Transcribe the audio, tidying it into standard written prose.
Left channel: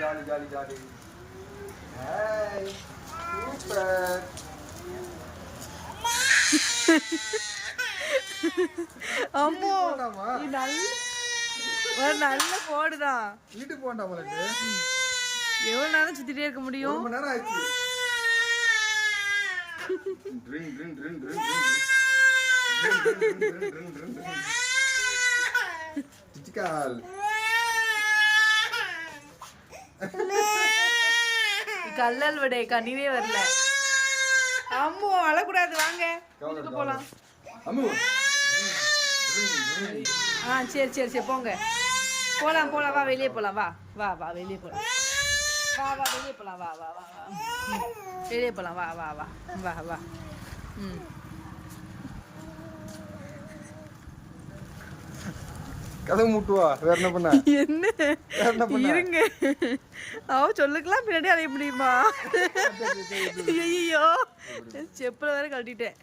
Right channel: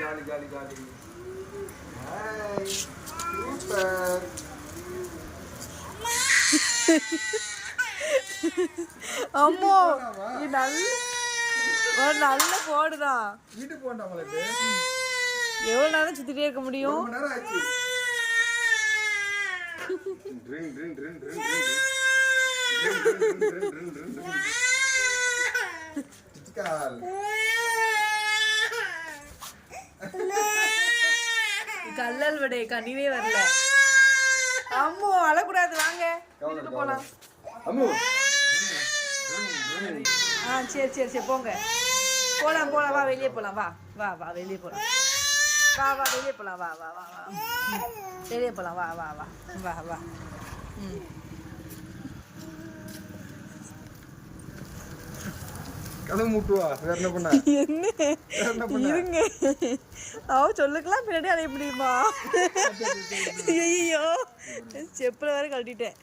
Jolly jolly jolly. Hi super. அம்மோ இது நல்ல போடுதான். வீட்டுக்கு போண்டா உங்களுக்கு. எவ்வளவு நேரம் சுத்திட்டே இருக்க முடியும்? ரொம்ப நேரம் ஆச்சு. ட்ரிங் ட்ரிங் ட்ரிங் ட்ரிங் ட்ரிங். சிச்சிகால். கல்லல் விடை கண்ணிலே வரல. அம்மோ அழக்கூடாது, வாங்க வீட்டுக்கு போலாம். அம்மு. சரி சரி சரி போங்க, போலாம் போலாம், வா வெளியே போலாம், வா வா வா வெளியே போலாம், வா வா வெளியே போலாம், வா வா வா வா வெளியே போலாம், வா வா வா வா வா. கதவு முட்டுவா, வேற என்ன பண்ணா? என்ன இருங்க, அவ சொல்லுக்கலாம் பின்னாடி அதை எப்படிமா? ஐயோ செப்பல வேற கழட்டிட்டேன்.